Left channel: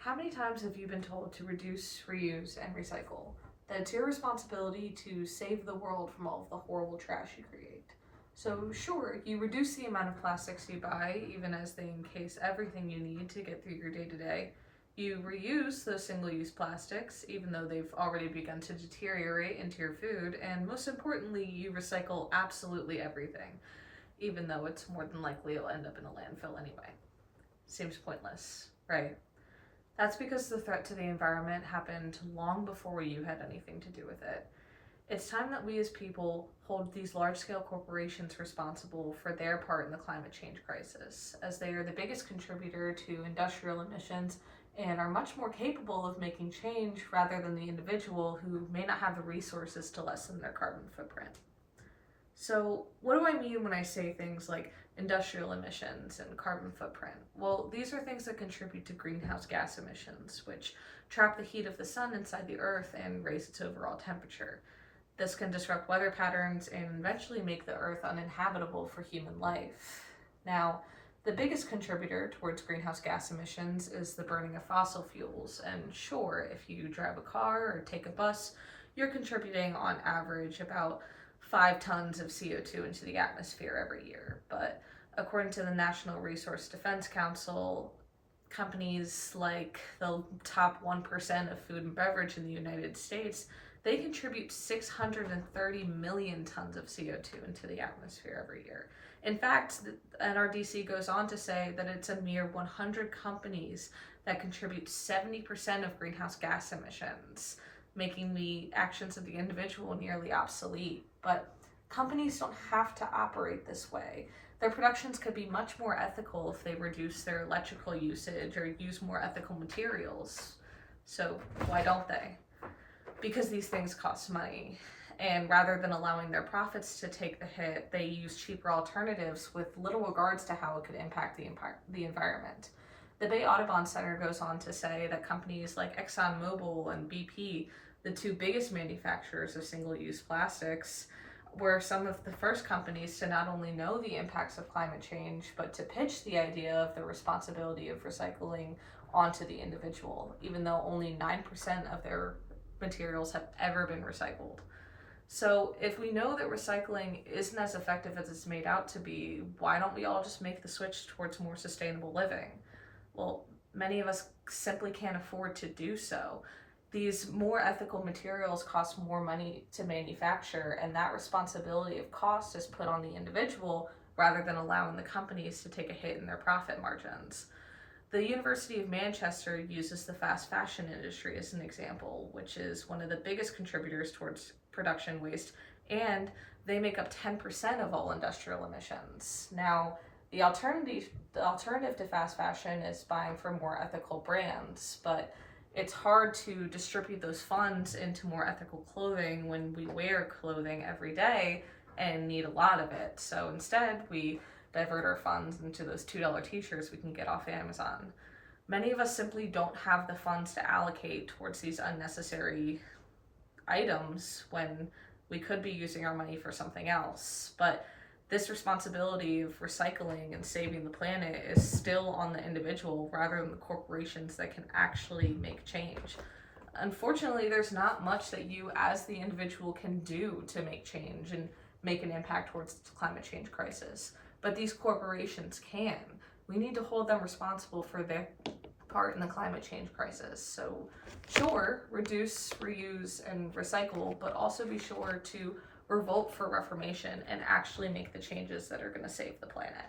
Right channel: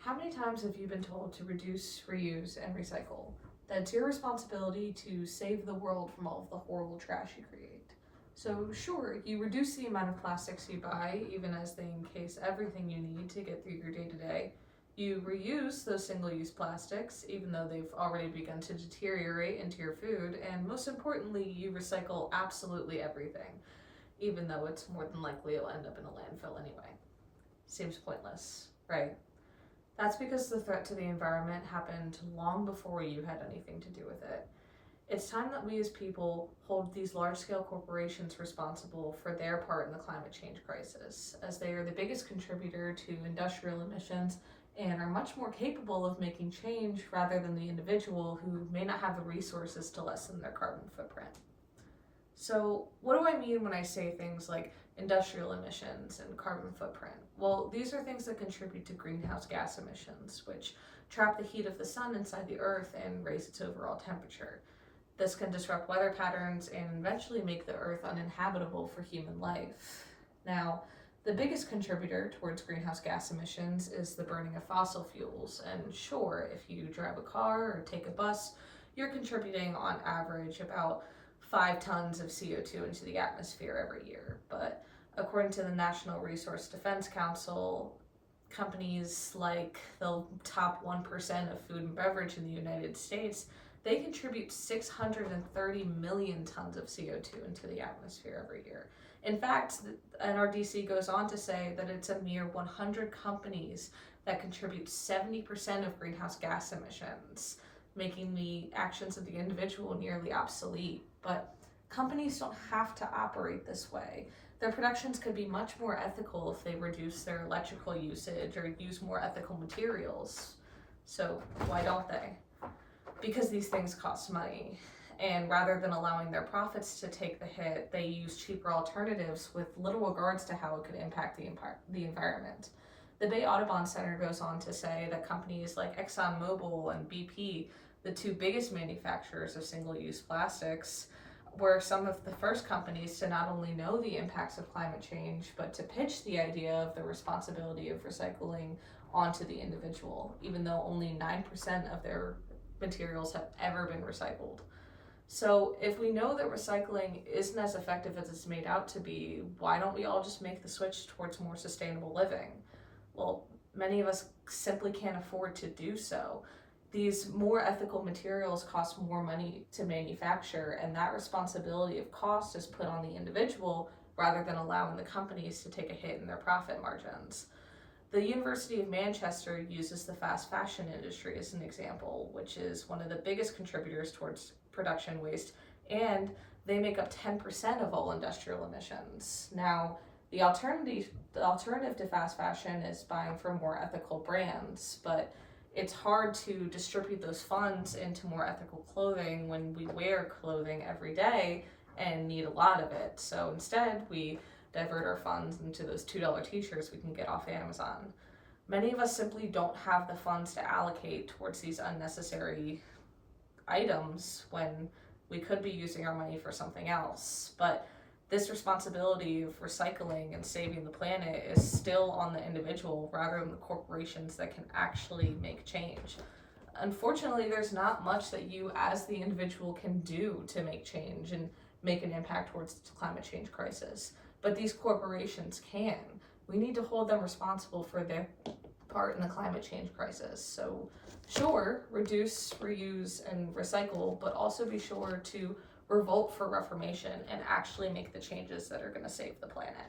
How many times have you been told to reduce, reuse, and recycle? That it's your responsibility to save the world from all of the horrible trash you create. So sure, you reduce the amount of plastics you buy, even as they encase everything you need to get through your day-to-day. You reuse those single-use plastics, even though they've already begun to deteriorate into your food, and most importantly, you recycle absolutely everything, even though it's more than likely it'll end up in a landfill anyway. Seems pointless, right? That's because the threat to the environment happened long before you had anything to do with it. It's time that we as people hold these large-scale corporations responsible for their part in the climate change crisis, as they are the biggest contributor to industrial emissions and are much more capable of making change rather than the individual who may not have the resources to lessen their carbon footprint. So what do I mean when I say things like industrial emissions and carbon footprint? Well, these are things that contribute to greenhouse gas emissions, which trap the heat of the sun inside the earth and raise its overall temperature. This can disrupt weather patterns and eventually make the earth uninhabitable for human life. Now, the biggest contributor towards greenhouse gas emissions is the burning of fossil fuels. And sure, if you drive a car or take a bus, you're contributing on average about 5 tons of CO2 into the atmosphere every year. But according to the National Resource Defense Council, companies like the top 1% of food and beverage in the United States, they contribute 630 million tons of CO2 into the atmosphere every year. In fact, the NRDC goes on to say that it's a mere 100 companies that contribute 70% of greenhouse gas emissions, making the actions of the individual nearly obsolete. But companies don't have to operate this way. Their productions could be much more ethical if they reduce their electrical usage or use more ethical materials. So why don't they? Because these things cost money. And rather than allowing their profits to take the hit, they use cheaper alternatives with little regards to how it could impact the environment. The Bay Audubon Center goes on to say that companies like ExxonMobil and BP, the two biggest manufacturers of single-use plastics, were some of the first companies to not only know the impacts of climate change, but to pitch the idea of the responsibility of recycling onto the individual, even though only 9% of their materials have ever been recycled. So if we know that recycling isn't as effective as it's made out to be, why don't we all just make the switch towards more sustainable living? Well, many of us simply can't afford to do so. These more ethical materials cost more money to manufacture, and that responsibility of cost is put on the individual rather than allowing the companies to take a hit in their profit margins. The University of Manchester uses the fast fashion industry as an example, which is one of the biggest contributors towards production waste, and they make up 10% of all industrial emissions. Now, the alternative to fast fashion is buying from more ethical brands, but it's hard to distribute those funds into more ethical clothing when we wear clothing every day and need a lot of it. So instead, we divert our funds into those $2 t-shirts we can get off Amazon. Many of us simply don't have the funds to allocate towards these unnecessary items when we could be using our money for something else. But this responsibility of recycling and saving the planet is still on the individual rather than the corporations that can actually make change. Unfortunately, there's not much that you as the individual can do to make change and make an impact towards the climate change crisis. But these corporations can. We need to hold them responsible for their part in the climate change crisis. So sure, reduce, reuse, and recycle, but also be sure to revolt for reformation and actually make the changes that are going to save the planet.